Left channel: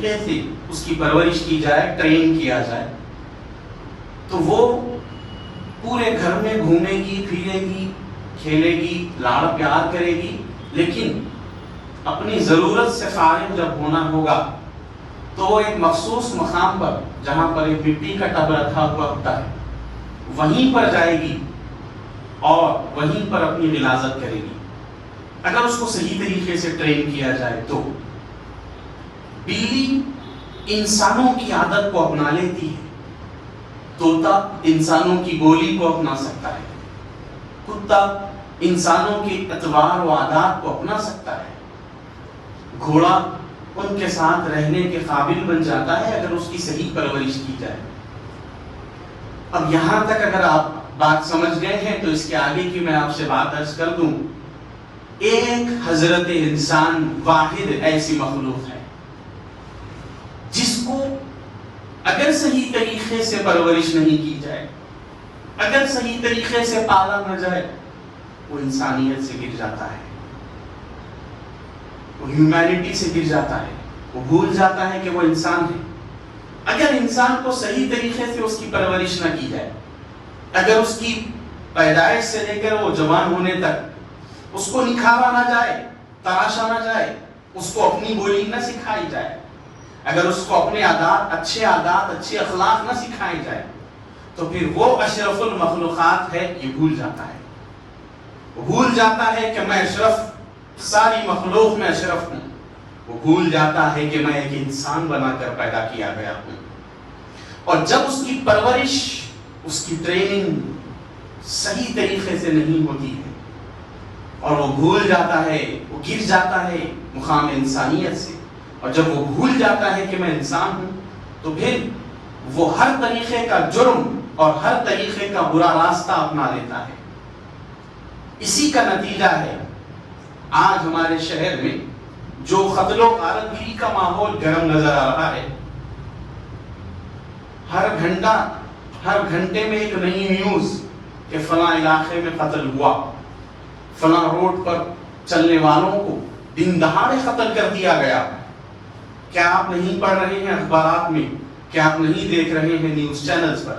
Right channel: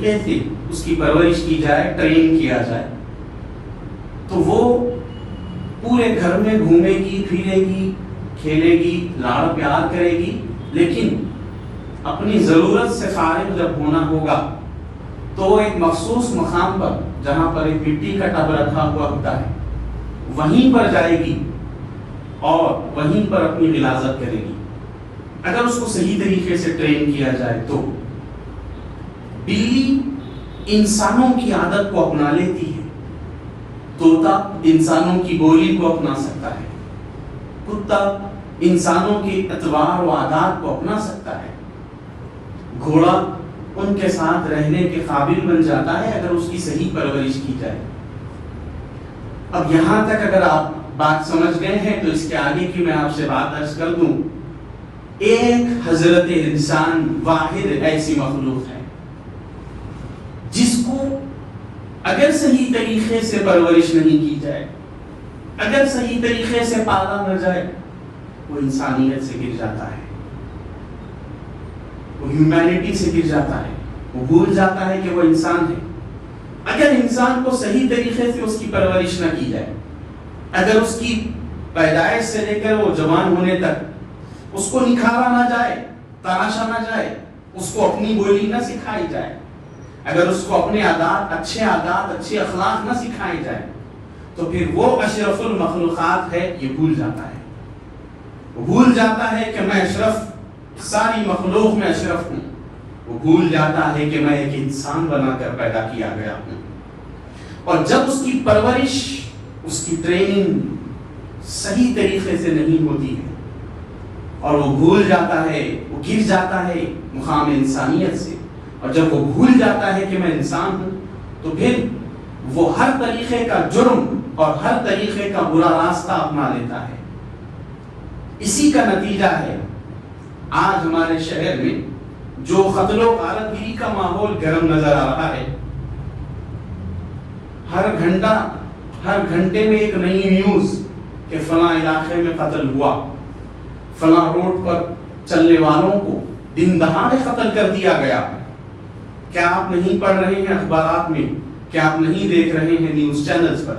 سے اس کی پرورش کی جائے، ٹرین کیا جائے، تو وہ پورے گھر میں گھومے گی، پھرے گی، کھیلے گی، لاڑ پیار کرے گی، لیکن اپنی ضرورت سے فارغ جب ہونا ہوگا تو وہ ایک مخصوص مقام پر، جہاں پر ایک مٹی کا ٹب رکھا ہوا ہوتا ہے، وہیں پر جائے گی اور وہیں پر اپنی غلاظت کرے گی۔ اگر اس کو صحیح طریقے سے ٹرین کیا جائے تو بلی انسانوں کی عادت کو اپنا لیتی ہے، طوطا انسانوں کی بولی کو اپنا سکتا ہے، کتا انسانوں کے اطوار و عادات کو اپنا سکتا ہے، گھوڑا ان کے ساتھ رہنے کے قابل بن جاتا ہے اگر اس کی صحیح پرورش کی جائے۔ اب یہاں تک اگر آپ بات سمجھ گئے ہیں تو اس کے آگے کی میں آپ سے بات عرض کر دوں۔ ایک حضرت انسان واحد ایسی مخلوق ہے جس کو اگر صحیح طریقے سے پرورش نہیں کی جائے، اگر صحیح طریقے سے پالا نہ جائے، وہ انسانیت سے گر جاتا ہے، وہ ہیومینٹی سے گر جاتا ہے، وہ بھول جاتا ہے کہ وہ انسان ہے۔ اگر انسان کو صحیح طریقے سے اس کی پرورش نہ کی جائے، اگر اس کی پیدائش سے لے کر وہ جوان ہونے تک اس کو نکھارا نہ جائے، تراشا نہ جائے، اس کو اپنی بولی نہ سکھائی جائے، اگر اس کو اپنے عادات، اچھے اخلاق نہ سکھائے جائے، تو پھر وہ اشرف المخلوقات ہے، یہ بھول جاتا ہے۔ وہ بھول جاتا ہے کہ میں اشرف، ساری مخلوق میں اشرف ہوں۔ وہ بھول جاتا ہے کہ میں ایک انسان بنا کر پیدا کیا گیا ہوں۔ اور جب اس کی پرورش، اس کی ٹریننگ صحیح طریقے سے نہیں ہوتی ہے اور وہ بھول جاتا ہے، وہ گر جاتا ہے مقام انسانیت سے، اور جب وہ بھول جاتا ہے کہ میں انسان ہوں، تو پھر وہ ہر طریقے کا جرم اور ہر طریقے کا برا راستہ اپنا لیتا ہے۔ اسی کا نتیجہ ہے آج ہمارے شہر میں جو قتل و غارت گری کا ماحول گرم نظر آ رہا ہے۔ ہر گھنٹے میں ایک نئی نیوز کہ فلاں علاقے میں قتل ہوا، فلاں روڈ پر چلنے والوں کو دن دہاڑے قتل کر دیا گیا۔ کیا آپ نہیں پڑھ رہے ہیں اخبارات میں؟ کیا آپ نہیں دیکھ رہے ہیں نیوز چینلز پر؟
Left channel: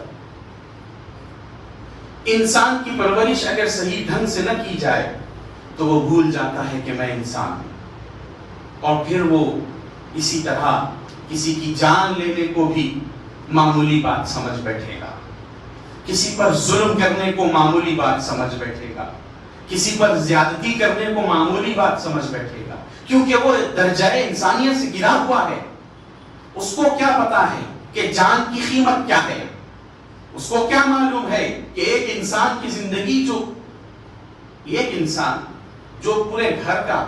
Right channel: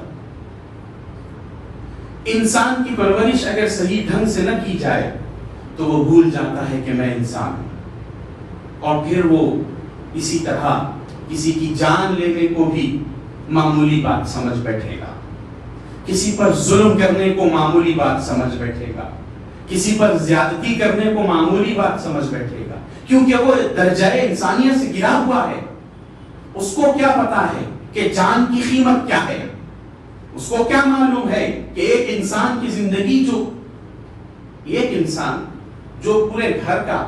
انسان کی پرورش اگر صحیح ڈھنگ سے نہ کی جائے تو وہ بھول جاتا ہے کہ میں انسان ہوں، اور پھر وہ اسی طرح کسی کی جان لینے کو بھی معمولی بات سمجھ بیٹھے گا، کسی پر ظلم کرنے کو معمولی بات سمجھ بیٹھے گا، کسی پر زیادتی کرنے کو معمولی بات سمجھ بیٹھے گا، کیونکہ وہ درجہ انسانیت سے گرا ہوا ہے۔ اس کو کیا پتا ہے کہ جان کی قیمت کیا ہے؟ اس کو کیا معلوم ہے کہ ایک انسان کی زندگی، ایک انسان جو پورے گھر کا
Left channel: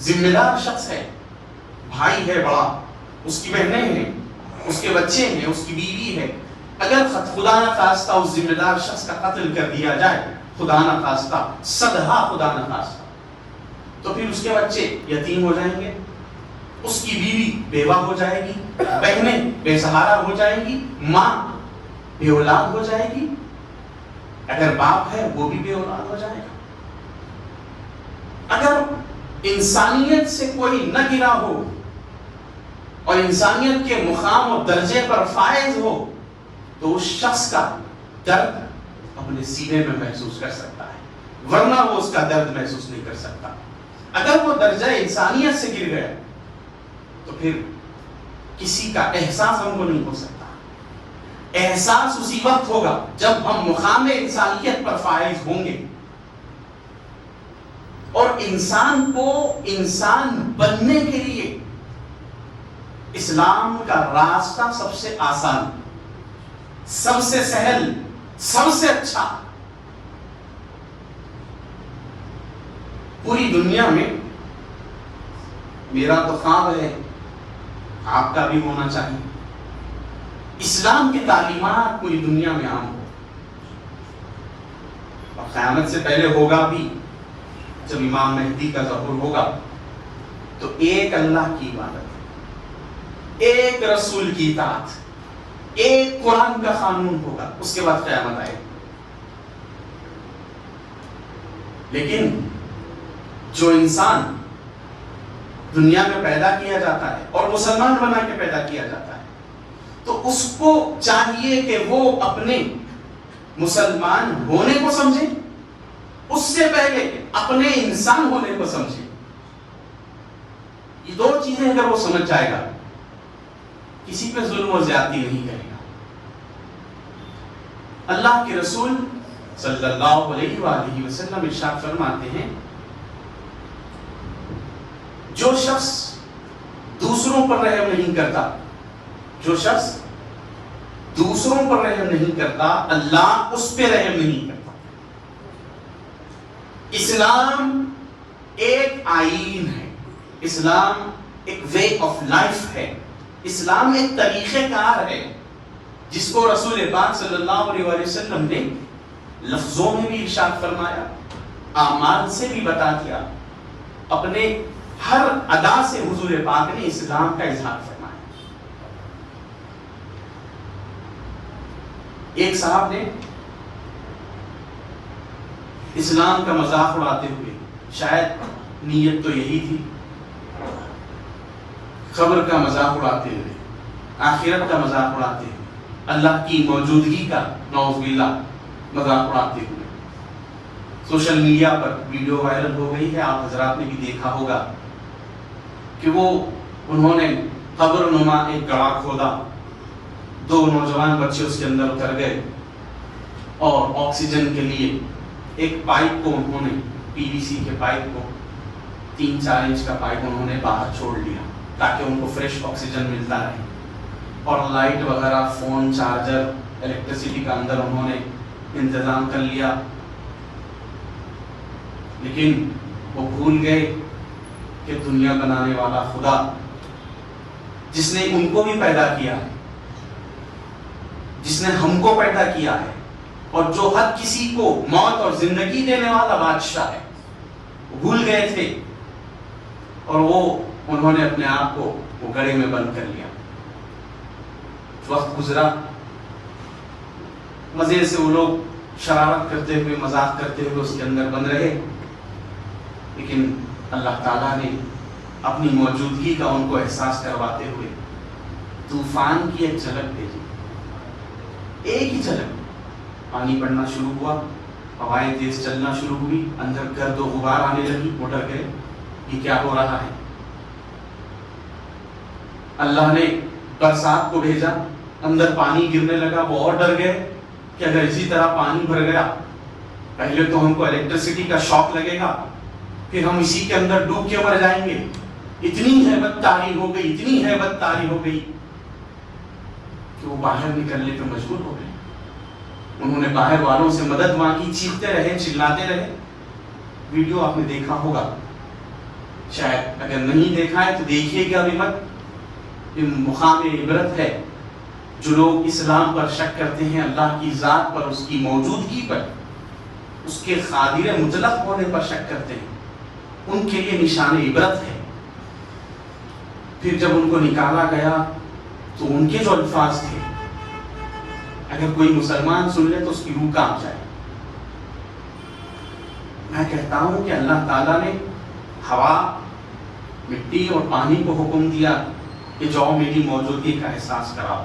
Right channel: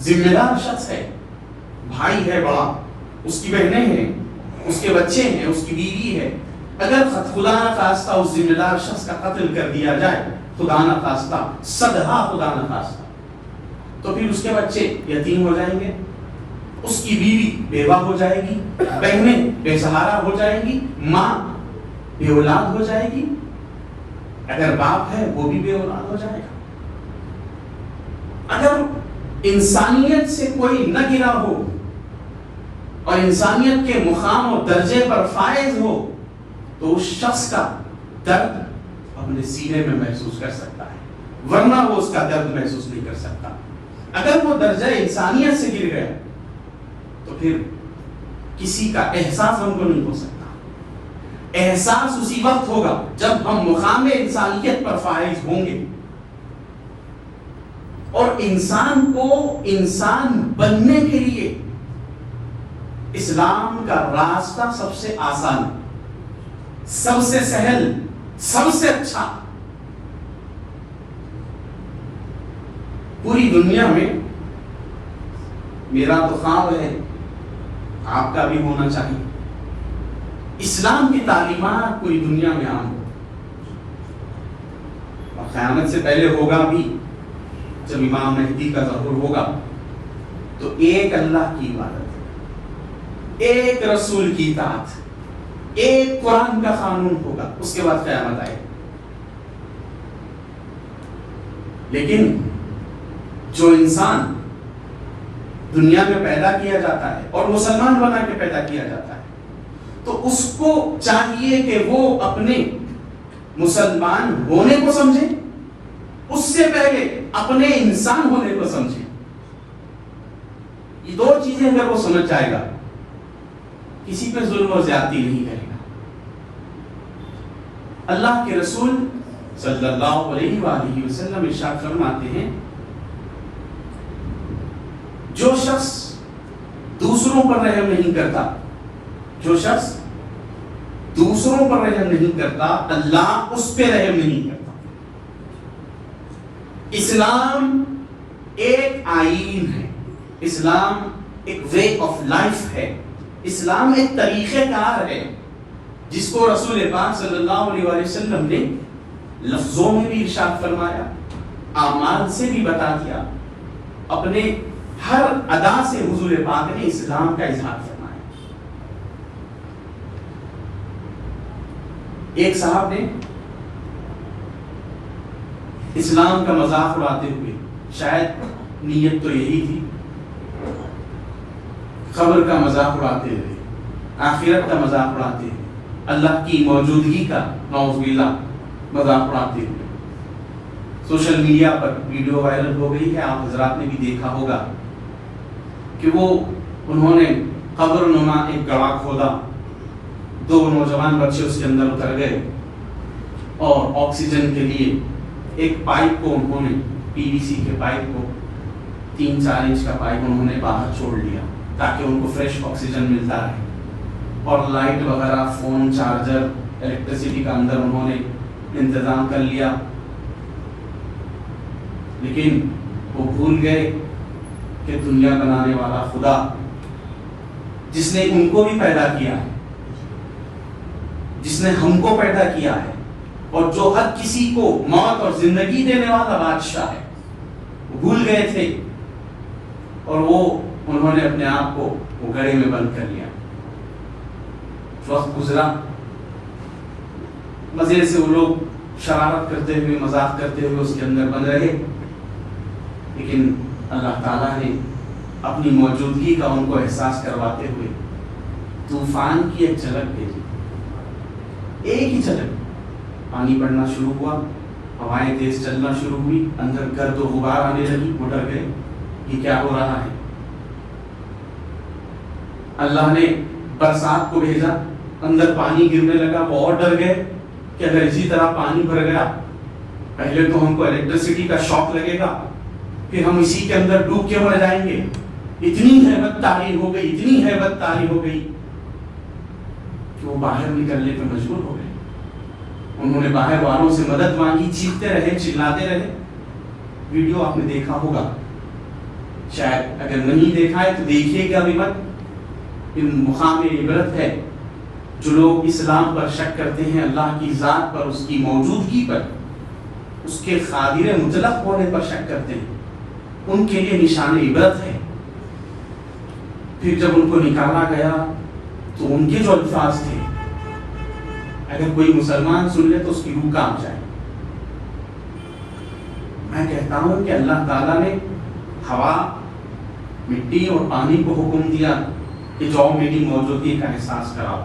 ذمہ دار شخص ہے، بھائی ہے بڑا، اس کی بہنیں ہیں، اس کے بچے ہیں، اس کی بیوی ہے، اگر خدا نہ خواستہ اس ذمہ دار شخص کا قتل کر دیا جائے، خدا نہ خواستہ، سدھا خدا نہ خواستہ، تو پھر اس کے بچے یتیم ہو جائیں گے، اس کی بیوی بیوہ ہو جائے گی، بہنیں بے سہارا ہو جائیں گی، ماں بے اولاد ہو جائے گی، اگر باپ ہے وہ بھی بے اولاد ہو جائے گا۔ اگر انسانیت سے کوئی نہ گرا ہو اور انسانیت کے مقام اور درجے پر فائز ہو تو اس شخص کا درد اپنے سینے میں محسوس کر سکتا ہے، ورنہ وہ اس کا درد محسوس نہیں کر سکتا۔ اگر وہ درجہ انسانیت سے گر گیا تو پھر کسی کا احساس ہم کو نہیں ہو سکتا۔ احساس اسی وقت ہوگا جب ہم مقام انسانیت پر فائز ہوں گے، اور انسان کو انسان بننے کے لیے اسلام کا راستہ سب سے آسان، سب سے سہل، سب سے اچھا۔ پوری دنیا میں میرا تو خواب ہے، آپ کا بھی ہونا چاہیے، اسلام کی تعلیمات پوری دنیا میں عام ہو، اور قیامت سے پہلے ہوگا بھی، جب امام مہدی کا ظہور ہوگا تو ایک اللہ کی عبادت، ایک رسول کی اطاعت، ایک قرآن کا قانون ہوگا، اس کے بعد قیامت آئے۔ لیکن جو انسان دنیا میں پیدا کیا جاتا ہے اور مسلمان بنا کے پیدا کیا جاتا ہے، تو اس کو چاہیے کہ وہ اپنے مسلمان ہونے کو سمجھے، اس سے پہلے اپنے انسان ہونے کو سمجھے۔ یہ دو چیزیں اگر وہ سمجھ جائے گا، کسی پہ ظلم اور زیادتی نہیں کرے گا۔ اللہ کے رسول صلی اللہ علیہ وآلہ وسلم ارشاد فرماتے ہیں، جو شخص دوسروں پر رحم نہیں کرتا، جو شخص دوسروں پر رحم نہیں کرتا، اللہ اس پہ رحم نہیں کرتا۔ اسلام ایک آئین ہے، اسلام ایک وے آف لائف ہے، اسلام ایک طریقہ کار ہے جس کو رسول پاک صلی اللہ علیہ وسلم نے لفظوں میں بھی ارشاد فرمایا، اعمال سے بھی بتا دیا، اپنے ہر ادا سے حضور پاک نے اسلام کا اظہار فرمایا۔ ایک صاحب نے اسلام کا مذاق اڑاتے ہوئے، شاید نیت تو یہی تھی، قبر کا مذاق اڑاتے ہوئے، آخرت کا مذاق اڑاتے ہوئے، اللہ کی موجودگی کا نعوذ باللہ مذاق اڑاتے ہوئے سوشل میڈیا پر ویڈیو وائرل ہو گئی ہے، آپ حضرات نے بھی دیکھا ہوگا کہ انہوں نے قبر نما ایک گڑھا کھودا، دو نوجوان بچے اس کے اندر اتر گئے اور آکسیجن کے لیے ایک پائپ کو انہوں نے، پی وی سی کے پائپ کو، 3-4 انچ کا پائپ انہوں نے باہر چھوڑ دیا تاکہ ان کو فریش آکسیجن ملتا رہے، اور لائٹ وغیرہ، فون چارجر، الیکٹریسٹی کا اندر انہوں نے انتظام کر لیا، لیکن وہ بھول گئے کہ دنیا بنانے والا خدا، جس نے ان کو بھی پیدا کیا ہے، جس نے ہم کو پیدا کیا ہے، اور جو ہر کسی کو موت اور زندگی دینے والا بادشاہ ہے، وہ بھول گئے تھے، اور انہوں نے اپنے آپ کو وہ گڑھے میں بند کر لیا۔ وقت گزرا، مزے سے وہ لوگ شرارت کرتے ہوئے، مذاق کرتے ہوئے اس کے اندر بند رہے، لیکن اللہ تعالیٰ نے اپنی موجودگی کا ان کو احساس کرواتے ہوئے طوفان کی ایک جھلک بھیجی، ایک ہی جھلک، پانی پڑنا شروع ہوا، ہوائیں تیز چلنا شروع ہوئی، اندر گرد و غبار آنے لگی، وہ ڈر گئے، یہ کیا ہو رہا ہے؟ اللہ نے برسات کو بھیجا، اندر پانی گرنے لگا، وہ اور ڈر گئے کہ اگر اسی طرح پانی بھر گیا، پہلے تو ہم کو الیکٹریسٹی کا شاک لگے گا، پھر ہم اسی کے اندر ڈوب کے مر جائیں گے۔ اتنی ہیبت طاری ہو گئی، اتنی ہیبت طاری ہو گئی کہ وہ باہر نکلنے پہ مجبور ہو گئے۔ انہوں نے باہر والوں سے مدد مانگی، چیختے رہے، چلاتے رہے، ویڈیو آپ نے دیکھا ہوگا، شاید اگر نہیں دیکھا ہے تو دیکھیے گا ابھی وقت۔ مقام عبرت ہے جو لوگ اسلام پر شک کرتے ہیں، اللہ کی ذات پر، اس کی موجودگی پر، اس کے قادر مطلق ہونے پر شک کرتے ہیں، ان کے لیے نشان عبرت ہے۔ پھر جب ان کو نکالا گیا تو ان کے جو الفاظ تھے، اگر کوئی مسلمان سن لے تو اس کی روح کانپ جائے۔ میں کہتا ہوں کہ اللہ تعالیٰ نے ہوا، مٹی اور پانی کو حکم دیا کہ جاؤ میری موجودگی کا احساس کراؤ۔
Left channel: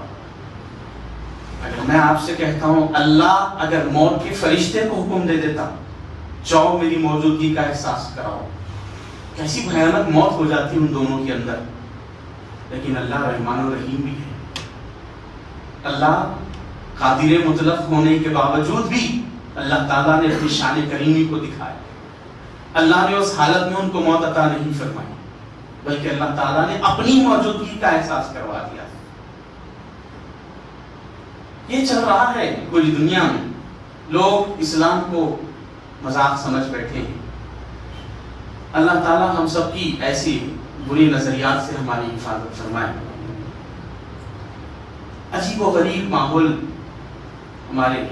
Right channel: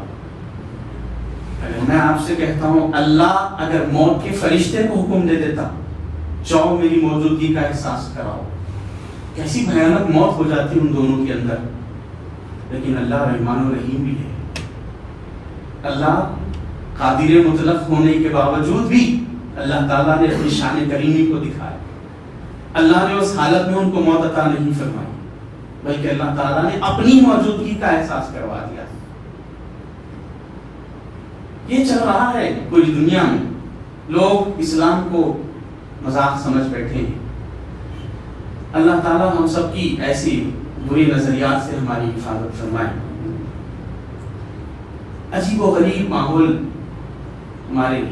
اگر میں آپ سے کہتا ہوں اللہ اگر موت کے فرشتے کو حکم دے دیتا، جاؤ میری موجودگی کا احساس کراؤ، کیسی بھیانک موت ہو جاتی ان دونوں کے اندر۔ لیکن اللہ رحمان و رحیم بھی ہے، اللہ قادر مطلق ہونے کے باوجود بھی اللہ تعالیٰ نے اپنی شان کریمی کو دکھایا۔ اللہ نے اس حالت میں ان کو موت عطا نہیں فرمائی، بلکہ اللہ تعالیٰ نے اپنی موجودگی کا احساس کروا دیا۔ یہ چل رہا ہے پوری دنیا میں، لوگ اسلام کو مذاق سمجھ بیٹھے ہیں۔ اللہ تعالیٰ ہم سب کی ایسی بری نظریات سے ہماری حفاظت فرمائے۔ عجیب و غریب ماحول ہمارے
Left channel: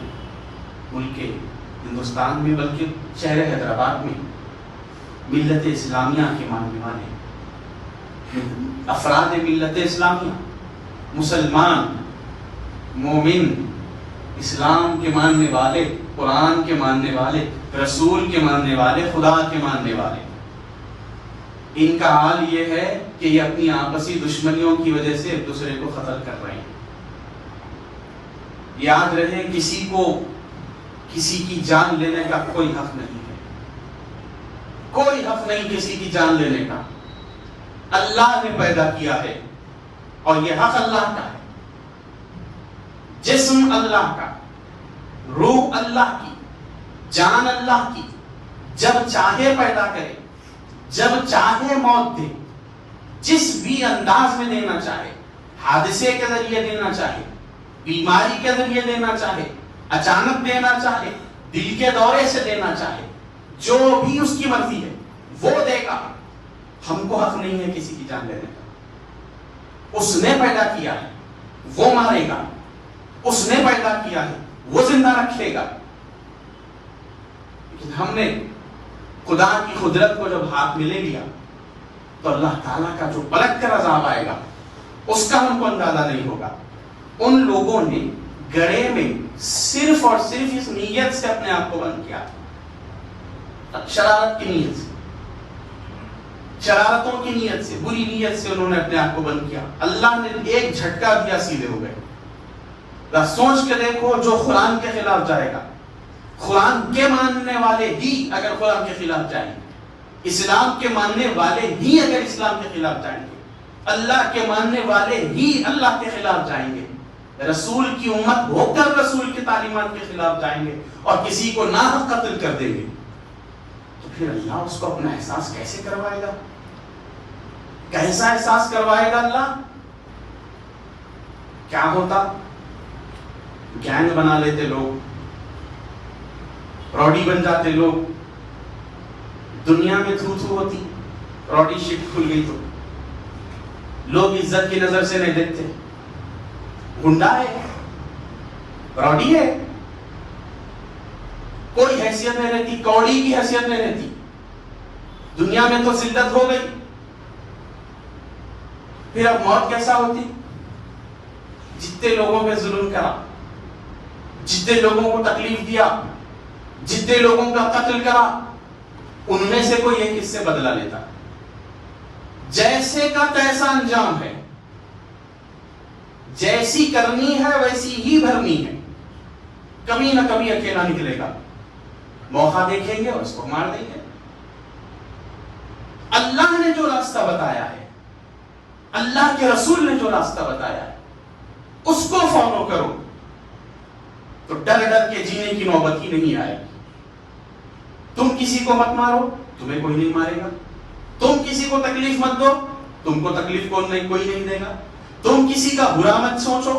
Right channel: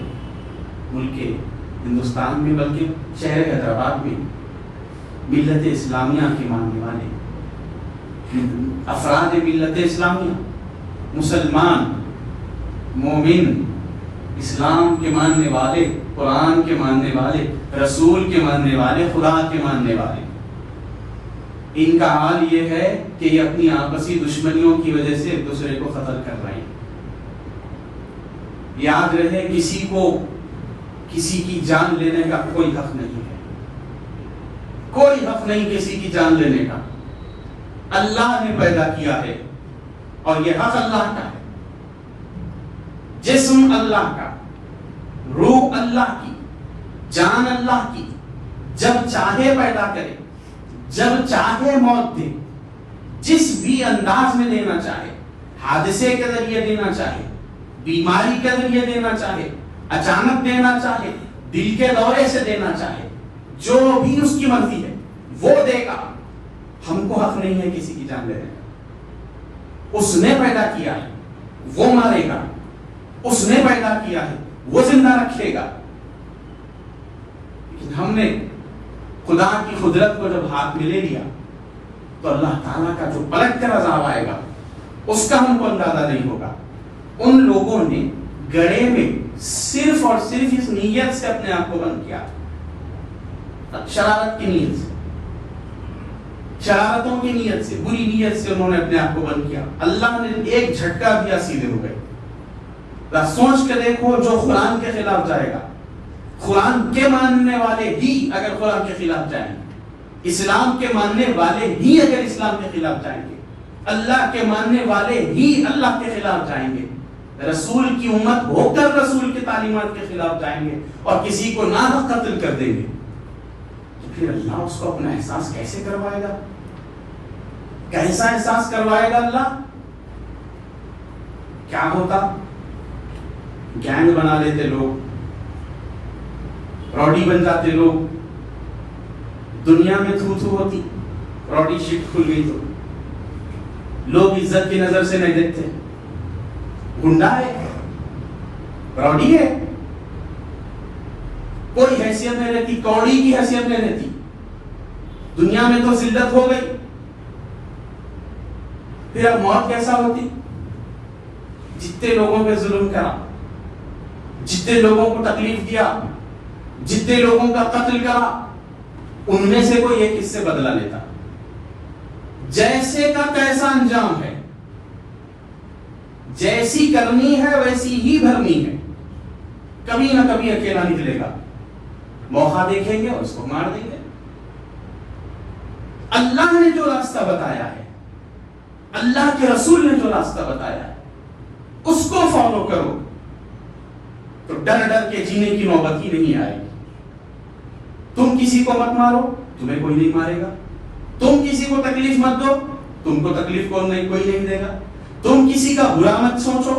ملک ہندوستان میں، بلکہ شہر حیدرآباد میں ملت اسلامیہ کے ماننے والے افراد ملت اسلامیہ، مسلمان، مومن، اسلام کے ماننے والے، قرآن کے ماننے والے، رسول کے ماننے والے، خدا کے ماننے والے، ان کا حال یہ ہے کہ یہ اپنی آپسی دشمنیوں کی وجہ سے ایک دوسرے کو قتل کر رہے ہیں. یاد رہے کسی کو کسی کی جان لینے کا کوئی حق نہیں ہے. کوئی حق نہیں کسی کی جان لینے کا. اللہ نے پیدا کیا ہے اور یہ حق اللہ کا ہے. جسم اللہ کا، روح اللہ کی، جان اللہ کی. جب چاہے پیدا کرے، جب چاہے موت دے، جس بھی انداز میں دینا چاہے، حادثے کے ذریعے دینا چاہے، بیماری کے ذریعے دینا چاہے، اچانک دینا چاہے، دل کے دورے سے دینا چاہے، جو بھی اس کی مرضی ہے وہ دے گا. ہم کو حق نہیں ہے کسی کی جان لینے کا. اس نے پیدا کیا ہے وہ مارے گا، اس نے پیدا کیا ہے وہ زندہ رکھے گا. ہم نے خدا کی قدرت کو جب ہاتھ میں لے لیا تو اللہ تعالیٰ کا جو پلٹ کر عذاب آئے گا اس کا ہم کو اندازہ نہیں ہوگا. ان لوگوں نے گڑھے میں صرف اور صرف اس نیت سے اپنے آپ کو بند کیا، شرارت کی نیت سے، شرارتوں کی نیت سے، بری نیت سے انہوں نے اپنے آپ کو بند کیا. اللہ نے ایک جھٹکا دیا، سیدھے ہو گئے. سوچ کے دیکھو جو قرآن کے خلاف جائے گا، قرآن کے ماننے والے ہی اگر قرآن کے خلاف جائیں گے، اسلام کے ماننے والے ہی اگر اسلام کے خلاف جائیں گے، اللہ کے ماننے والے ہی اللہ کے خلاف جائیں گے، رسول کی امت ہو کر رسول کی تعلیمات کے خلاف جائیں گے اور کسی کو ناحق قتل کر دیں گے، تو پھر اللہ اس کو اپنا احساس کیسے کروائے گا؟ کیسا احساس کروائے گا اللہ؟ کیا ہوتا؟ گینگ بنا لیتے لوگ، روڈی بن جاتے لوگ. دنیا میں تھو تھو ہوتی، روڈی شفٹ کھل گئی تو لوگ عزت کی نظر سے نہیں دیکھتے. گنڈا ہے، روڈی ہے، کوئی حیثیت نہیں رہتی، کوڑی کی حیثیت نہیں رہتی. دنیا میں تو ذلت ہو گئی، پھر اب موت کیسا ہوتی؟ جتنے لوگوں پہ ظلم کرا، جتنے لوگوں کو تکلیف دیا، جتنے لوگوں کا قتل کرا، ان میں سے کوئی ایک اس سے بدلہ لیتا. جیسے کا تیسا انجام ہے، جیسی کرنی ہے ویسی ہی بھرنی ہے. کبھی نہ کبھی اکیلا نکلے گا، موقع دیکھیں گے اور اس کو مار دیں گے. اللہ نے جو راستہ بتایا ہے، اللہ کے رسول نے جو راستہ بتایا ہے، اس کو فالو کرو تو ڈر ڈر کے جینے کی نوبت ہی نہیں آئے گی. تم کسی کو مت مارو، تمہیں کوئی نہیں مارے گا. تم کسی کو تکلیف مت دو، تم کو تکلیف کوئی نہیں دے گا. تم کسی کا برا مت سوچو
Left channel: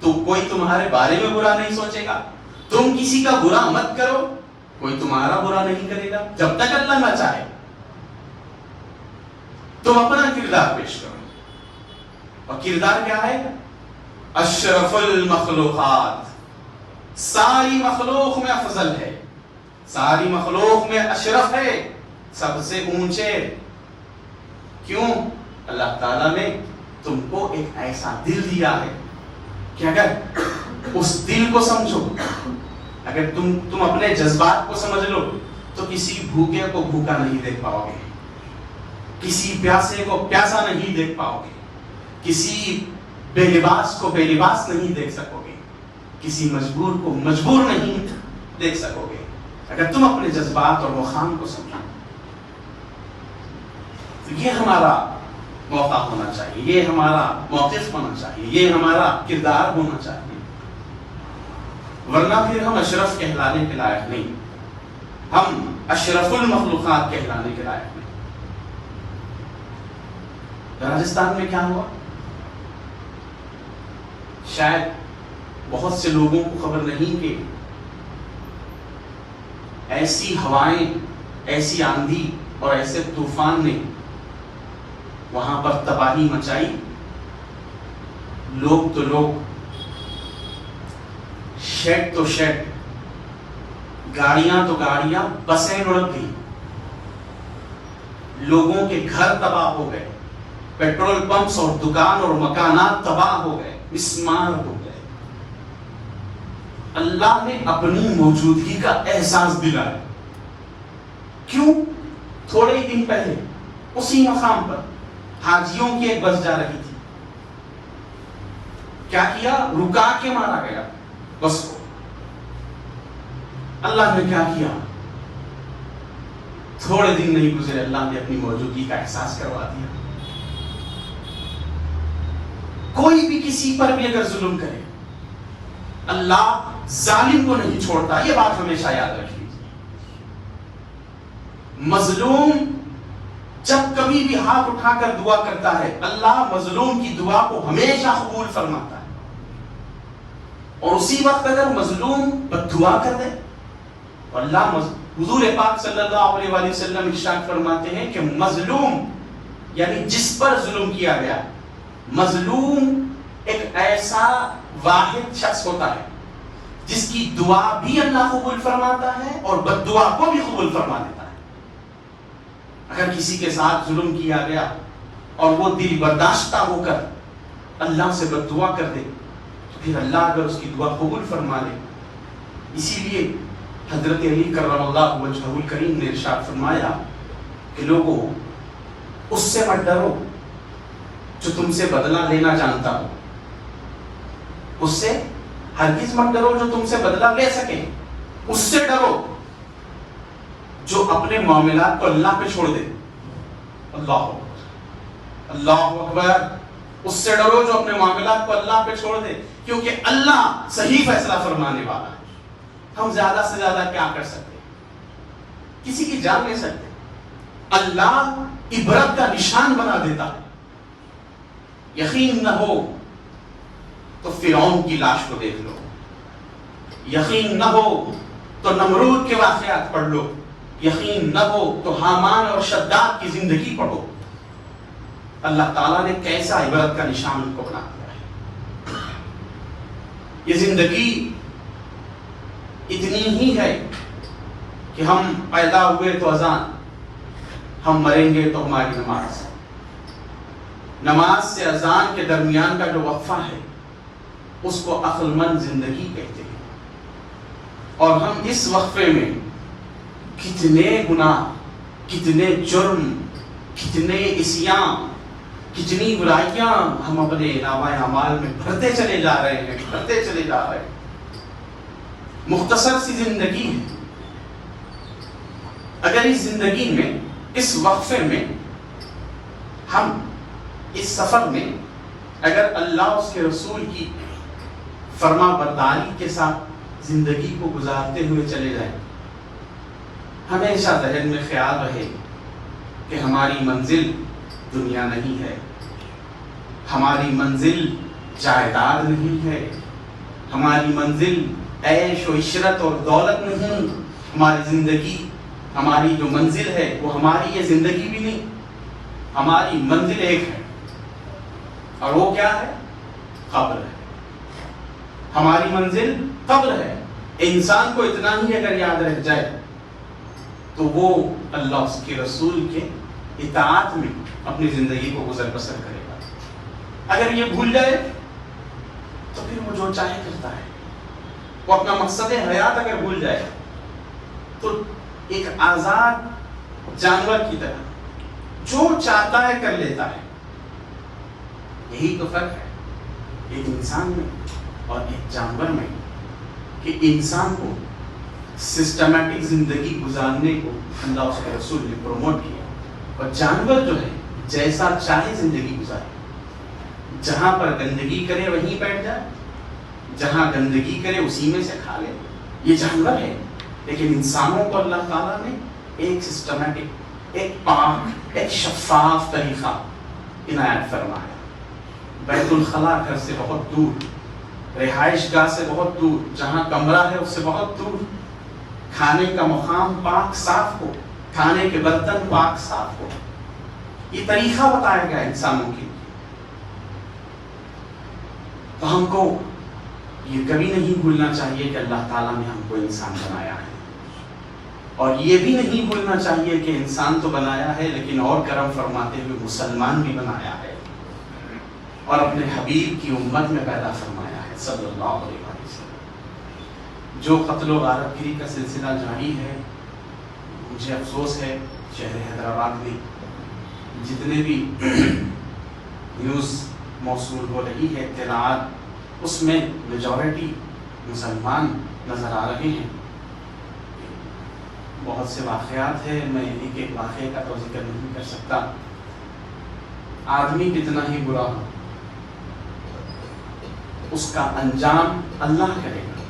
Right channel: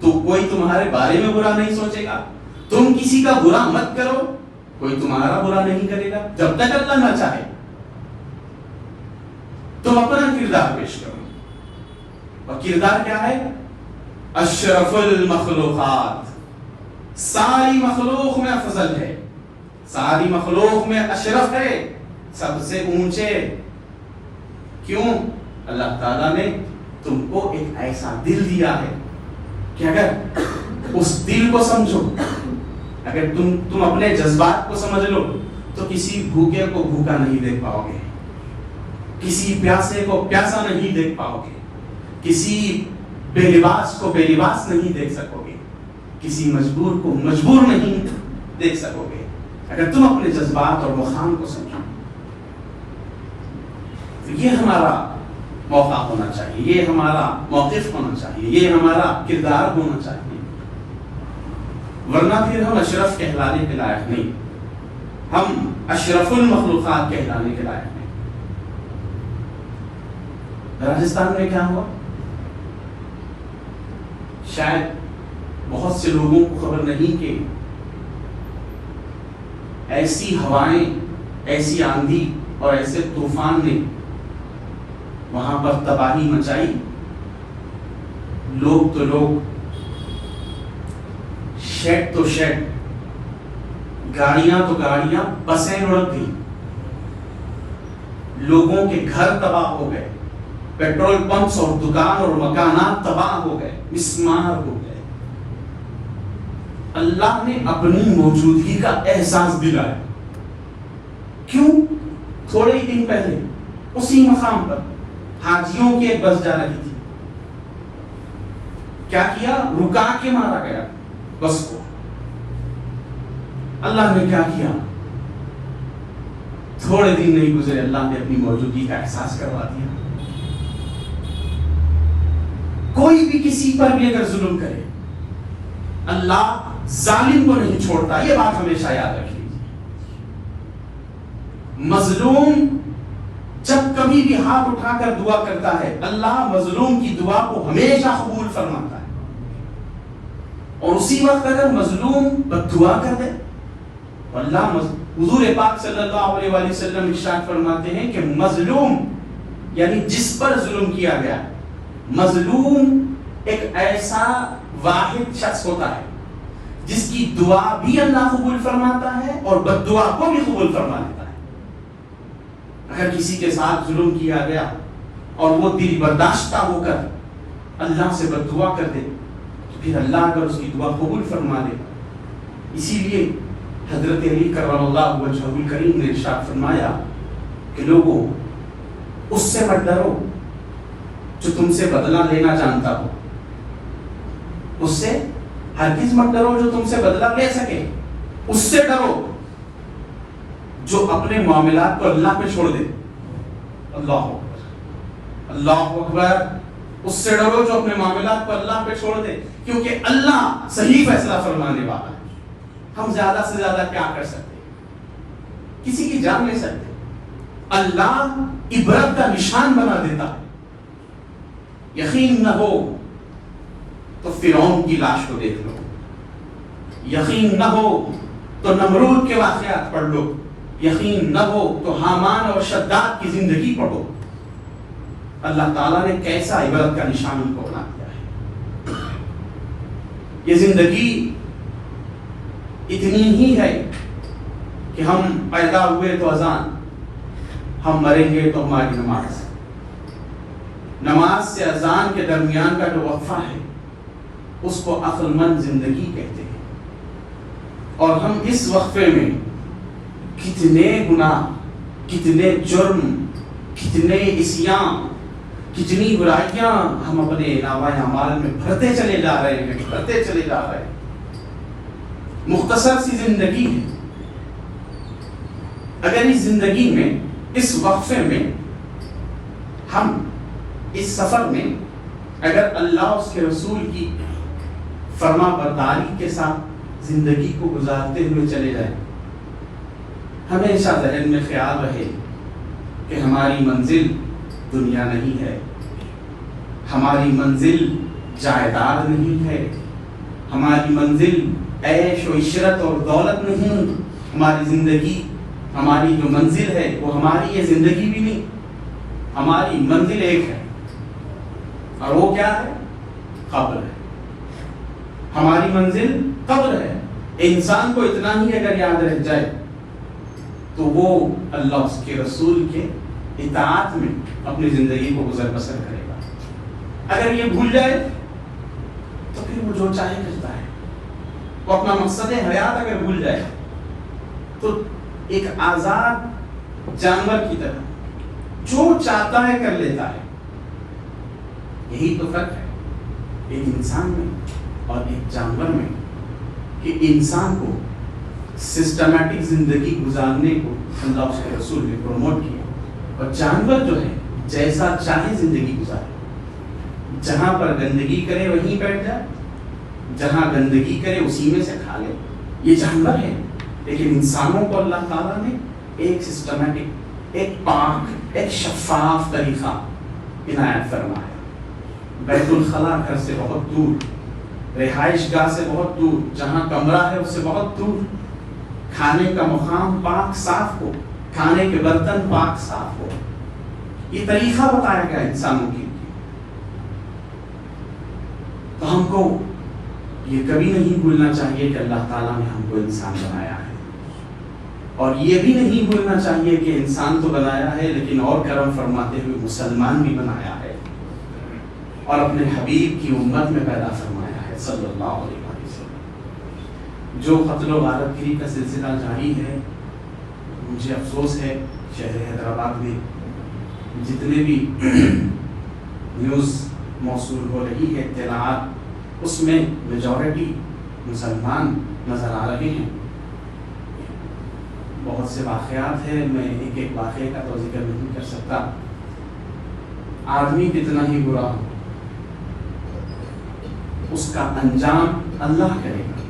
تو کوئی تمہارے بارے میں برا نہیں سوچے گا. تم کسی کا برا مت کرو، کوئی تمہارا برا نہیں کرے گا جب تک اللہ نہ چاہے. تم اپنا کردار پیش کرو، اور کردار کیا ہے؟ اشرف المخلوقات، ساری مخلوق میں افضل ہے، ساری مخلوق میں اشرف ہے، سب سے اونچے. کیوں؟ اللہ تعالیٰ نے تم کو ایک ایسا دل دیا ہے کہ اگر اس دل کو سمجھو، اگر تم اپنے جذبات کو سمجھ لو تو کسی بھوکے کو بھوکا نہیں دیکھ پاؤ گے، کسی پیاسے کو پیاسا نہیں دیکھ پاؤ گے، کسی بے لباس کو بے لباس نہیں دیکھ سکو گے، کسی مجبور کو مجبور نہیں دیکھ سکو گے اگر تم اپنے جذبات اور وخام کو سمجھو. تو یہ ہمارا موقع ہونا چاہیے، یہ ہمارا موقف ہونا چاہیے، یہ ہمارا کردار ہونا چاہیے. ورنہ پھر ہم اشرف کہلانے کے لائق نہیں، ہم اشرف المخلوقات کہلانے کے لائق نہیں. راجستھان میں کیا ہوا؟ شاید بہت سے لوگوں کو خبر نہیں کہ ایسی ہوائیں، ایسی آندھی اور ایسے طوفان نے وہاں پر تباہی مچائی. لوگ تو لوگ، شیڈ تو شیڈ، گاڑیاں تو گاڑیاں، بسیں اڑ گئی، لوگوں کے گھر تباہ ہو گئے، پیٹرول پمپس اور دکان اور مکانات تباہ ہو گئے، مسمار ہو گئے. اللہ نے اپنی موجودگی کا احساس دلایا. کیوں؟ تھوڑے ہی دن پہلے اسی مقام پر حاجیوں کی ایک بس جا رہی تھی، کیا کیا؟ رکا کے مارا گیا بس کو۔ اللہ نے کیا کیا؟ تھوڑے دن نہیں گزرے اللہ نے اپنی موجودگی کا احساس کروا دیا۔ کوئی بھی کسی پر بھی اگر ظلم کرے، اللہ ظالم کو نہیں چھوڑتا، یہ بات ہمیشہ یاد رکھیے۔ مظلوم جب کبھی بھی ہاتھ اٹھا کر دعا کرتا ہے، اللہ مظلوم کی دعا کو ہمیشہ قبول فرماتا ہے۔ اور اسی وقت اگر مظلوم بد دعا کر دے، اللہ حضور پاک صلی اللہ علیہ وآلہ وسلم ارشاد فرماتے ہیں کہ مظلوم یعنی جس پر ظلم کیا گیا، مظلوم ایک ایسا واحد شخص ہوتا ہے جس کی دعا بھی اللہ قبول فرماتا ہے اور بد دعا کو بھی قبول فرما لیتا ہے۔ اگر کسی کے ساتھ ظلم کیا گیا اور وہ دل برداشتہ ہو کر اللہ سے بد دعا کر دے تو پھر اللہ اگر اس کی دعا قبول فرما لے۔ اسی لیے حضرت علی کرم اللہ وجہہ الکریم نے ارشاد فرمایا کہ لوگوں اس سے مت ڈرو جو تم سے بدلہ لینا جانتا ہو، اس سے ہرگز مت ڈرو جو تم سے بدلہ لے سکے، اس سے ڈرو جو اپنے معاملات کو اللہ پہ چھوڑ دے۔ اللہ اکبر، اللہ اکبر، اس سے ڈرو جو اپنے معاملات کو اللہ پہ چھوڑ دے، کیونکہ اللہ صحیح فیصلہ فرمانے والا ہے۔ ہم زیادہ سے زیادہ کیا کر سکتے؟ کسی کی جان لے سکتے؟ اللہ عبرت کا نشان بنا دیتا۔ یقین نہ ہو تو فرعون کی لاش کو دیکھ لو، یقین نہ ہو تو نمرود کے واقعات پڑھ لو، یقین نہ ہو تو حامان اور شداد کی زندگی پڑھو۔ اللہ تعالیٰ نے کیسا عبرت کا نشان ان کو بنا دیا ہے۔ یہ زندگی اتنی ہی ہے کہ ہم پیدا ہوئے تو اذان، ہم مریں گے تو ہماری نماز۔ نماز سے اذان کے درمیان کا جو وقفہ ہے اس کو عقل مند زندگی کہتے ہیں۔ اور ہم اس وقفے میں کتنے گناہ، کتنے جرم، کتنے عصیان، کتنی برائیاں ہم اپنے نامہ اعمال میں بھرتے چلے جا رہے ہیں، بھرتے چلے جا رہے ہیں۔ مختصر سی زندگی ہے، اگر اس زندگی میں، اس وقفے میں، ہم اس سفر میں اگر اللہ اس کے رسول کی فرما برداری کے ساتھ زندگی کو گزارتے ہوئے چلے جائیں، ہمیشہ ذہن میں خیال رہے کہ ہماری منزل دنیا نہیں ہے، ہماری منزل جائیداد نہیں ہے، ہماری منزل عیش و عشرت اور دولت نہیں، ہماری زندگی، ہماری جو منزل ہے وہ ہماری یہ زندگی بھی نہیں، ہماری منزل ایک ہے، اور وہ کیا ہے؟ قبر ہے۔ ہماری منزل قبر ہے۔ انسان کو اتنا ہی اگر یاد رہ جائے تو وہ اللہ اس کے رسول کے اطاعت میں اپنی زندگی کو گزر بسر کرے گا۔ اگر یہ بھول جائے تو پھر وہ جو چاہے کرتا ہے، وہ اپنا مقصد حیات اگر بھول جائے تو ایک آزاد جانور کی طرح جو چاہتا ہے کر لیتا ہے۔ یہی تو فرق ہے ایک انسان میں اور ایک جانور میں، کہ انسان کو سسٹمیٹک زندگی گزارنے کو اللہ اس کے رسول نے پروموٹ کیا، اور جانور جو ہے جیسا چاہے زندگی گزارے، جہاں پر گندگی کرے وہیں بیٹھ جائے، جہاں گندگی کرے اسی میں سے کھا لے، یہ جانور ہے۔ لیکن انسانوں کو اللہ تعالیٰ نے ایک سسٹمیٹک، ایک پاک، ایک شفاف طریقہ عنایت فرمایا۔ بیت الخلاء گھر سے بہت دور، رہائش گاہ سے بہت دور، جہاں کمرہ ہے اس سے بہت دور، کھانے کا مقام پاک صاف ہو، کھانے کے برتن پاک صاف ہو، یہ طریقہ بتایا گیا انسانوں کے لیے۔ تو ہم کو یہ کبھی نہیں بھولنا چاہیے کہ اللہ تعالیٰ نے ہم کو انسان بنایا ہے، اور یہ بھی نہیں بھولنا چاہیے کہ انسان تو بنایا ہے لیکن اور کرم فرماتے ہوئے مسلمان بھی بنایا ہے، اور اپنے حبیب کی امت میں پیدا فرمایا ہے صلی اللہ علیہ وسلم۔ جو قتل و غارت گری کا سلسلہ جاری ہے، مجھے افسوس ہے شہر حیدرآباد میں جتنے بھی نیوز موصول ہو رہی ہے اطلاعات، اس میں میجورٹی مسلمان نظر آ رہے ہیں۔ بہت سے واقعات ہیں، میں ایک ایک واقعے کا تو ذکر نہیں کر سکتا۔ آدمی کتنا ہی برا ہو، اس کا انجام اللہ کرے گا۔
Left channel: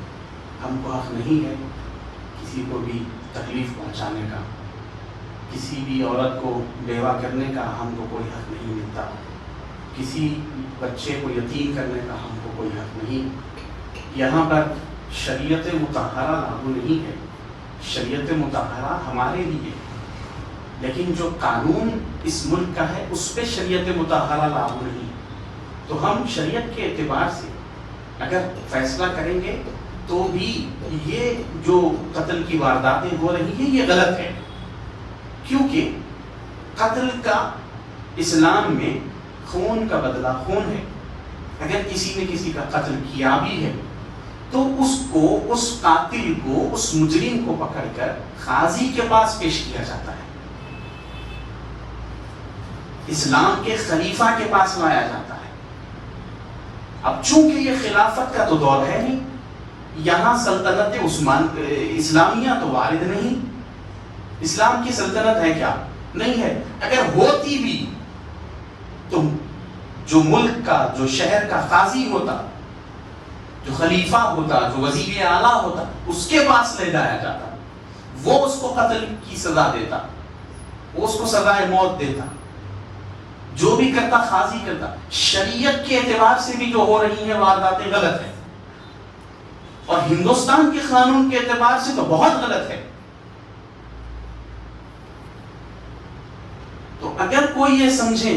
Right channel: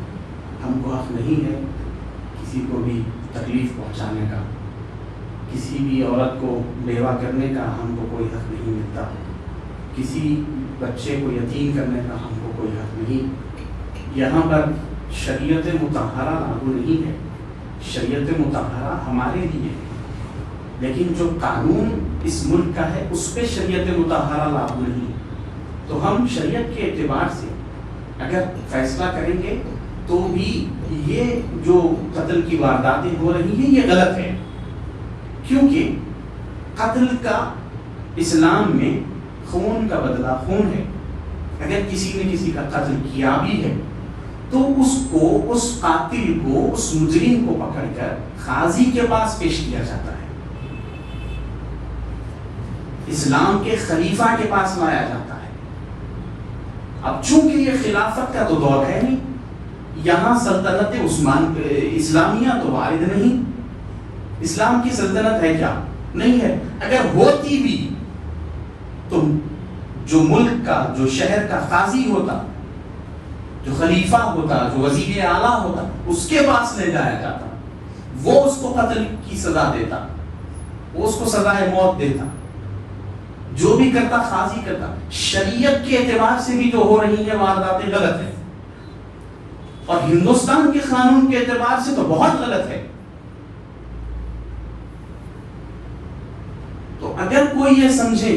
ہم کو حق نہیں ہے کسی کو بھی تکلیف پہنچانے کا، کسی بھی عورت کو بیوہ کرنے کا ہم کو کوئی حق نہیں ملتا، کسی بچے کو یتیم کرنے کا ہم کو کوئی حق نہیں۔ یہاں پر شریعت مطہرہ لاگو نہیں ہے، شریعت مطہرہ ہمارے لیے ہے، لیکن جو قانون اس ملک کا ہے اس پہ شریعت مطہرہ لاگو نہیں۔ تو ہم شریعت کے اعتبار سے اگر فیصلہ کریں گے تو بھی یہ جو قتل کی وارداتیں ہو رہی ہیں یہ غلط ہے، کیونکہ قتل کا اسلام میں خون کا بدلہ خون ہے۔ اگر کسی نے کسی کا قتل کیا بھی ہے تو اس کو، اس قاتل کو، اس مجرم کو پکڑ کر قاضی کے پاس پیش کیا جاتا ہے، اسلام کے خلیفہ کے پاس لایا جاتا ہے۔ اب چونکہ یہ خلافت کا تو دور ہے نہیں، یہاں سلطنت اسلامیہ تو وارد نہیں، اسلام کی سلطنت ہے کیا؟ نہیں ہے۔ اگر ہوتی بھی تو جو ملک کا، جو شہر کا قاضی ہوتا، جو خلیفہ ہوتا، جو وزیر اعلیٰ ہوتا، اس کے پاس لے جایا جاتا، وہ اس کو قتل کی سزا دیتا، وہ اس کو سزائے موت دیتا، جو بھی کرتا قاضی کرتا۔ شریعت کے اعتبار سے بھی جو ہو رہی ہیں وارداتیں غلط ہیں، اور ہندوستان کے قانون کے اعتبار سے تو بہت غلط ہے۔ تو اگر کوئی یہ سمجھے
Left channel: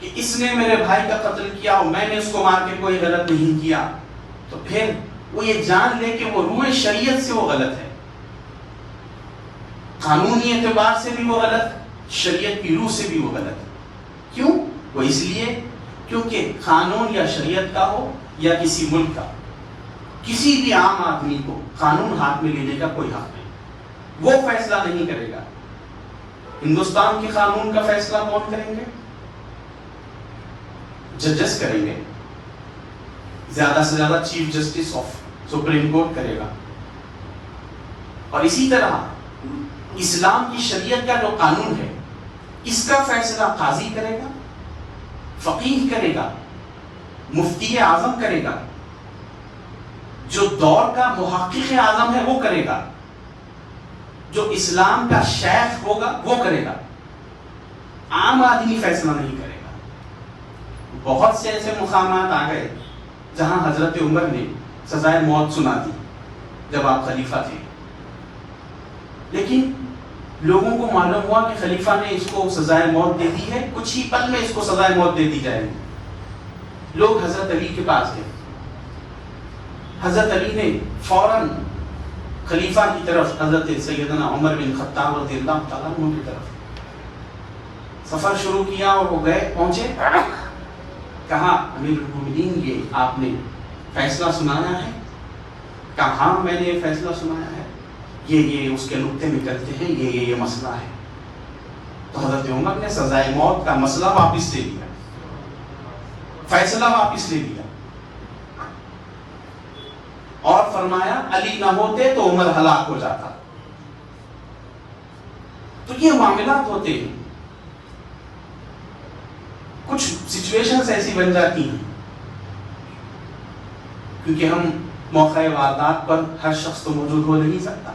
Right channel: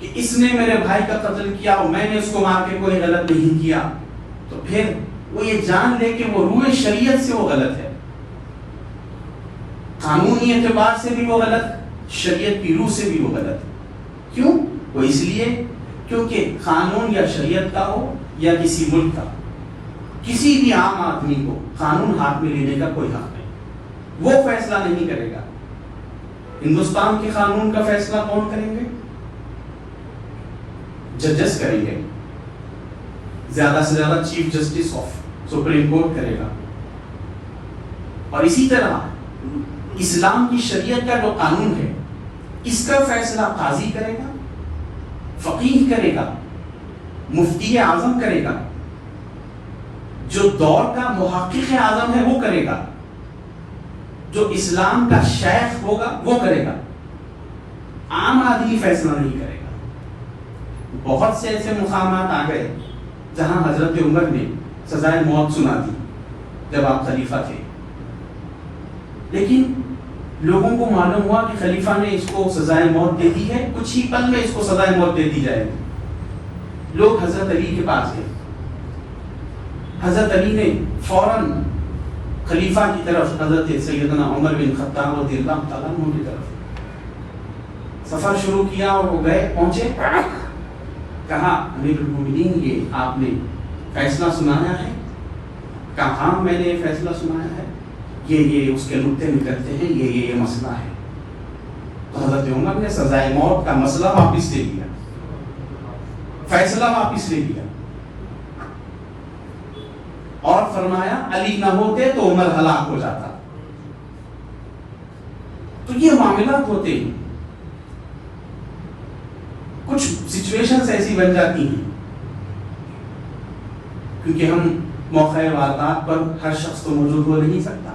کہ اس نے میرے بھائی کا قتل کیا اور میں نے اس کو مار کے کوئی غلط نہیں کیا، تو پھر وہ یہ جان لے کہ وہ روح شریعت سے وہ غلط ہے، قانونی اعتبار سے بھی وہ غلط، شریعت کی روح سے بھی وہ غلط ہے۔ کیوں؟ وہ اس لیے کیونکہ قانون یا شریعت کا ہو یا کسی ملک کا، کسی بھی عام آدمی کو قانون ہاتھ میں لینے کا کوئی حق نہیں، وہ فیصلہ نہیں کرے گا۔ ہندوستان کے قانون کا فیصلہ کون کریں گے؟ ججز کریں گے، زیادہ سے زیادہ chief justice of supreme court کرے گا۔ اور اسی طرح اسلام کی شریعت کا جو قانون ہے اس کا فیصلہ قاضی کرے گا، فقیہ کرے گا، مفتی اعظم کرے گا، جو دور کا محقق اعظم ہے وہ کرے گا، جو اسلام کا شیخ ہوگا وہ کرے گا، عام آدمی فیصلہ نہیں کرے گا۔ بہت سے ایسے مقامات آ گئے جہاں حضرت عمر نے سزائے موت سنا دی جب آپ خلیفہ تھے، لیکن لوگوں کو معلوم ہوا کہ خلیفہ نے اس کو سزائے موت دے دی ہے، کچھ ہی پل میں اس کو سزائے موت دے دی جائے گی۔ لوگ حضرت علی کے پاس گئے، حضرت علی نے فوراً خلیفہ کی طرف، حضرت سیدنا عمر بن خطاب رضی اللہ تعالیٰ عنہ کی طرف سفر شروع کیا، اور وہ گئے، پہنچے، کہا امیر المومنین یہ آپ نے فیصلہ سنایا ہے؟ کہا ہاں میں نے یہ فیصلہ سنایا ہے، یہ اس کے نقطے نکلتے ہیں، یہ مسئلہ ہے۔ تو حضرت عمر نے سزائے موت کا مسئلہ واپس لے لیا، فیصلہ واپس لے لیا، اور فرمایا علی نہ ہوتے تو عمر ہلاک ہو جاتا۔ تو یہ معاملات ہوتے ہیں، کچھ سچویشنز ایسی بن جاتی ہیں، کیونکہ ہم موقع واردات پر ہر شخص تو موجود ہو نہیں سکتا،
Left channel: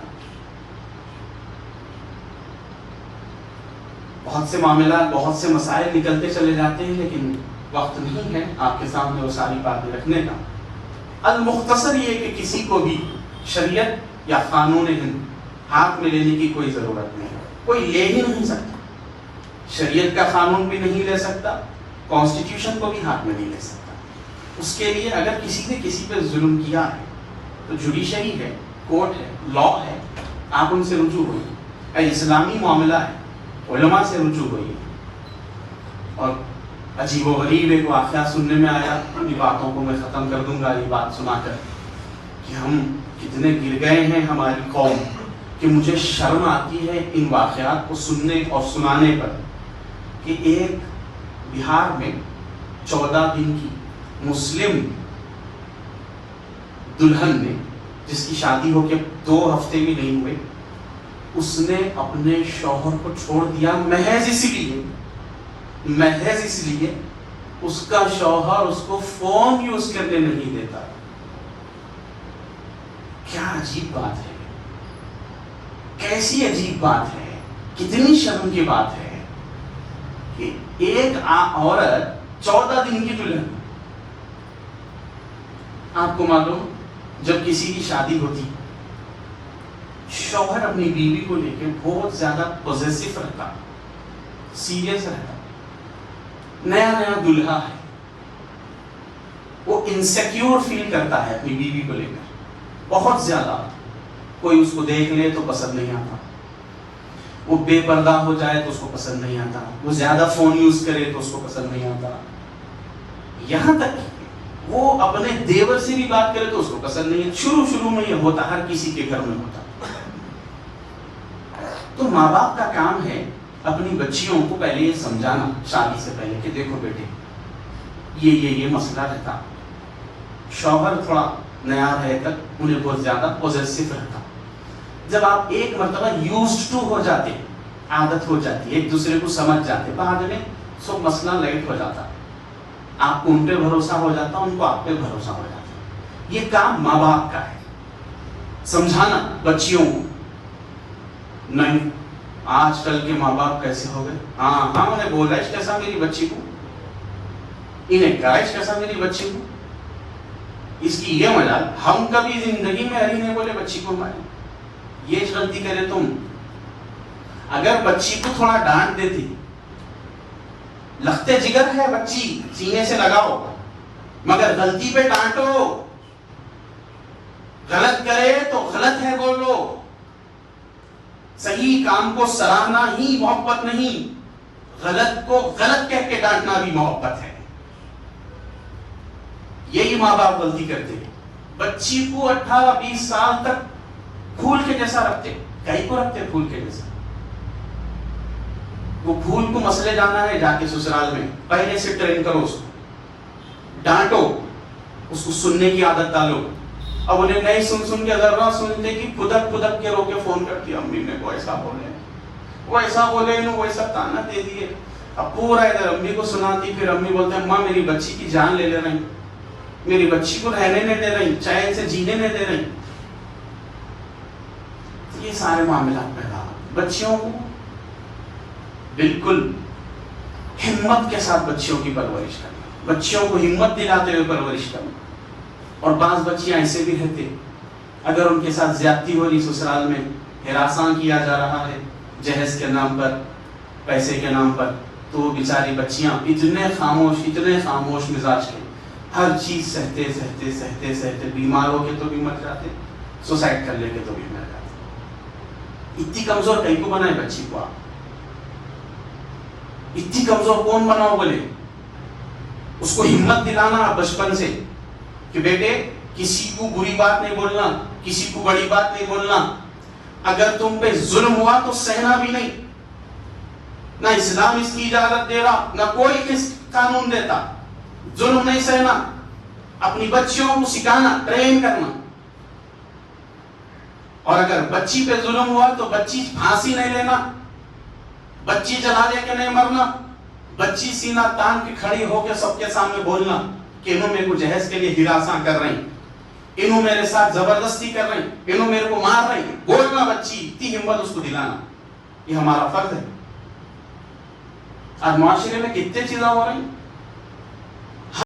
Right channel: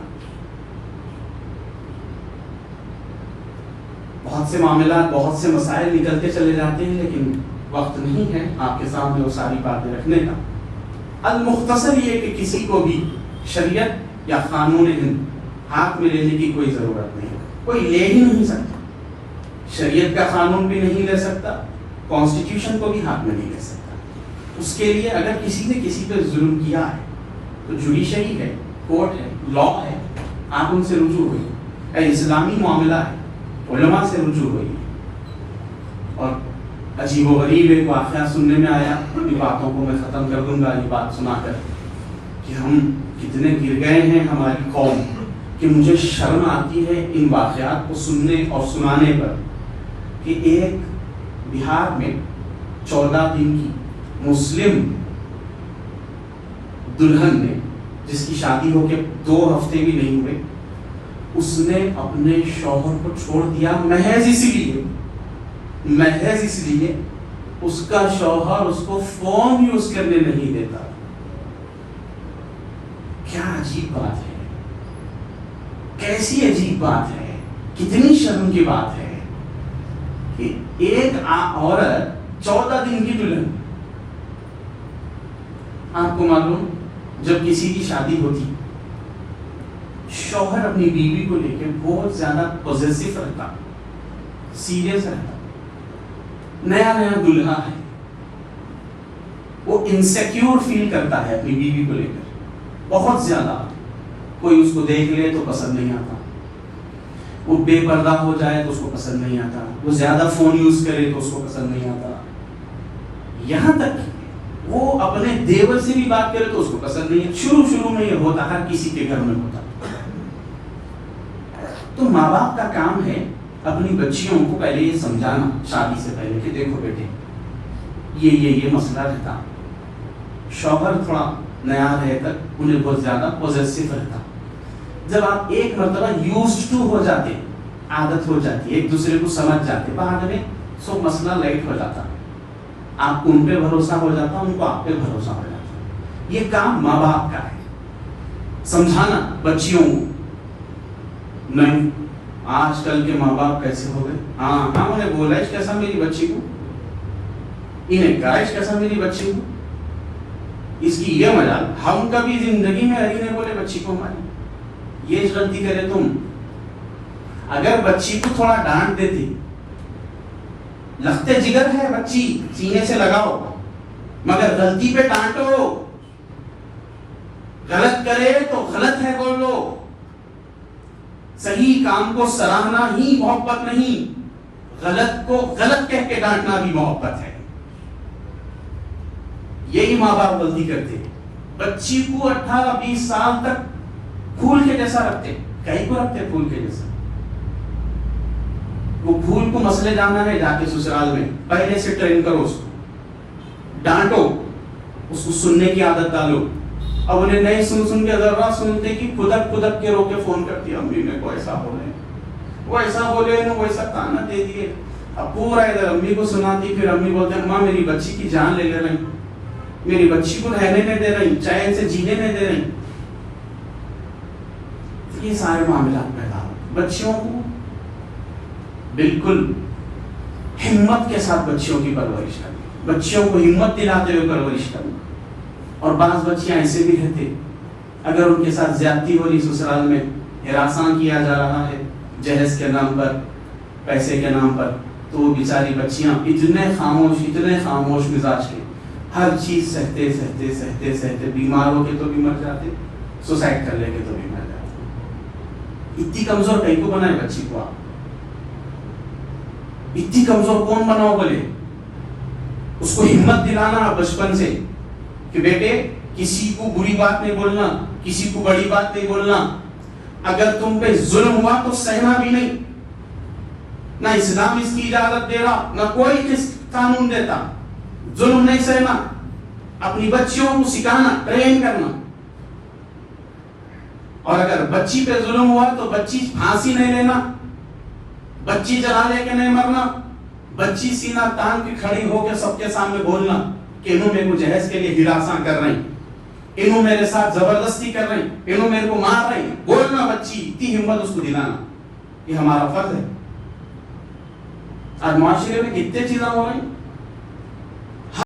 بہت سے معاملات، بہت سے مسائل نکلتے چلے جاتے ہیں، لیکن وقت نہیں ہے آپ کے سامنے وہ ساری باتیں رکھنے کا۔ المختصر یہ کہ کسی کو بھی شریعت یا قانون ہند ہاتھ میں لینے کی کوئی ضرورت نہیں ہے، کوئی لے ہی نہیں سکتا، شریعت کا قانون بھی نہیں لے سکتا، کانسٹیٹیوشن کو بھی ہاتھ میں نہیں لے سکتا۔ اس کے لیے اگر کسی نے کسی پہ ظلم کیا ہے تو جوڈیشری ہے، کورٹ ہے، لا ہے، آپ ان سے رجوع ہوئی، اگر اسلامی معاملہ ہے علماء سے رجوع ہوئی۔ اور عجیب و غریب ایک واقعہ سننے میں آیا، ان باتوں کو میں ختم کر دوں گا یہ بات سنا کر، کہ ہم کتنے گر گئے ہیں ہماری قوم، کہ مجھے شرم آتی ہے ان واقعات کو سننے اور سنانے پر، کہ ایک بہار میں 14 دن کی مسلم دلہن نے، جس کی شادی ہو کے 2 ہفتے بھی نہیں ہوئے، اس نے اپنے شوہر کو چھوڑ دیا محض اس لیے اس کا شوہر اس کو فون یوز کرنے نہیں دیتا۔ کیا عجیب بات ہے، کیسی عجیب بات ہے، کتنی شرم کی بات ہے کہ ایک عورت 14 دن کی دلہن۔ آپ کو معلوم، جب کسی کی شادی ہوتی، شوہر اپنی بیوی کو لے کے بہت زیادہ پوزیسو رہتا، سیریس رہتا۔ نیا دلہا ہے، وہ انسیکیور فیل کرتا ہے اپنی بیوی کو لے کر بہت زیادہ۔ کوئی اس کو دیکھ لے تو پسند نہیں آتا، وہ بے پردہ ہو جائے تو اس کو پسند نہیں آتا، وہ زیادہ فون یوز کرے تو اس کو پسند نہیں آتا، یہاں تک کہ وہ اپنے دیور سے بھی بات کرے تو اس کو پسند نہیں ہے۔ شروع میں یہ ہوتا، ہر کسی کے گھر میں ہوتا۔ تو ماں باپ کا کام ہے اپنی بچیوں کو پہلے یہ سمجھانا شادی سے پہلے کہ دیکھو بیٹے، یہ مسئلہ رہتا۔ شوہر تھوڑا نیا رہے کر انہیں بہت زیادہ پوزیسو رہتا۔ جب آپ ایک مرتبہ یوزڈ ٹو ہو جاتے، عادت ہو جاتی، ایک دوسرے کو سمجھ جاتے، بعد میں سو مسئلہ لائٹ ہو جاتا۔ آپ کو ان پہ بھروسہ ہو جاتا، ان کو آپ پہ بھروسہ ہو جاتا۔ یہ کام ماں باپ کا ہے، سمجھانا بچیوں کو۔ نہیں، آج کل کے ماں باپ کیسے ہو گئے، ہاں انہیں بولائش کیسا میری بچی کو، انہیں گائش کیسا میری بچی کو، اس کی یہ مجال۔ ہم کبھی زندگی میں علی نے بولے بچی کو مارے، یہ غلطی کرے تم۔ اگر بچی کو تھوڑا ڈانٹ دیتی، لختے جگر ہے بچی، سینے سے لگاؤ، مگر غلطی پہ ڈانٹو، غلط کرے تو غلط ہے بولو۔ صحیح کام کو سراہنا ہی محبت نہیں، غلط کو غلط کہہ کے ڈانٹنا بھی محبت ہے۔ یہی ماں باپ غلطی کرتے ہیں، بچی کو 18-20 سال تک پھول کے جیسا رکھتے، کہیں کو رکھتے پھول کے جیسا۔ وہ پھول کو مسئلے جانا ہے، جا کے سسرال میں پہلے سے ٹرین کرو، اس کو ڈانٹو، اس کو سننے کی عادت ڈالو۔ اب انہیں نہیں سن کے ذرا سنتے کہ خدک کے رو کے فون کرتی، امی میرے کو ایسا بولے، وہ ایسا بولے، وہ ایسا تانا دے دیے۔ اب پورا ادھر امی کو سناتی، پھر امی بولتے ہیں ماں میری بچی کی جان لے رہی، میری بچی کو رہنے نہیں دے رہی، چین سے جینے نہیں دے رہی۔ یہ سارے معاملات پیدا ہوتے۔ بچیوں کو بالکل ہمت کے ساتھ بچیوں کی پرورش کرنا، بچیوں کو ہمت دلاتے ہوئے پرورش کرنا۔ اور بعض بچیاں ایسے بھی رہتے، اگر ان کے ساتھ زیادتی ہو رہی، سسرال میں ہراساں کیا جا رہا ہے جہیز کے نام پر، پیسے کے نام پر، تو وہ بیچاری بچیاں اتنے خاموش مزاج کے، ہر چیز سہتے بیمار ہو کے تو بھی مر جاتے، سوسائڈ کر لیتے تو بھی مر جاتے۔ اتنی کمزور کہیں کو بنائے بچی کو آپ؟ اتنی کمزور کون بناؤ بولے؟ اس کو ہمت دلانا بچپن سے کہ بیٹے کسی کو بری بات نہیں بولنا، کسی کو بڑی بات نہیں بولنا، اگر تم پہ ظلم ہوا تو سہنا بھی نہیں۔ نہ اسلام اس کی اجازت دے رہا، نہ کوئی کس قانون دیتا، ظلم نہیں سہنا۔ اپنی بچیوں کو سکھانا، ٹرین کرنا۔ اور اگر بچی پہ ظلم ہوا تو بچی پھانسی نہیں لینا، بچی جلا لے کے نہیں مرنا، بچی سینہ تان کے کھڑی ہو کے سب کے سامنے بولنا کہ انہوں میرے کو جہیز کے لیے ہراساں کر رہی، انہوں میرے ساتھ زبردستی کر رہی، انہوں میرے کو مار رہی، بولنا بچی، اتنی ہمت اس کو دلانا، یہ ہمارا فرض ہے۔ آج معاشرے میں کتنے چیزیں ہو رہی ہیں،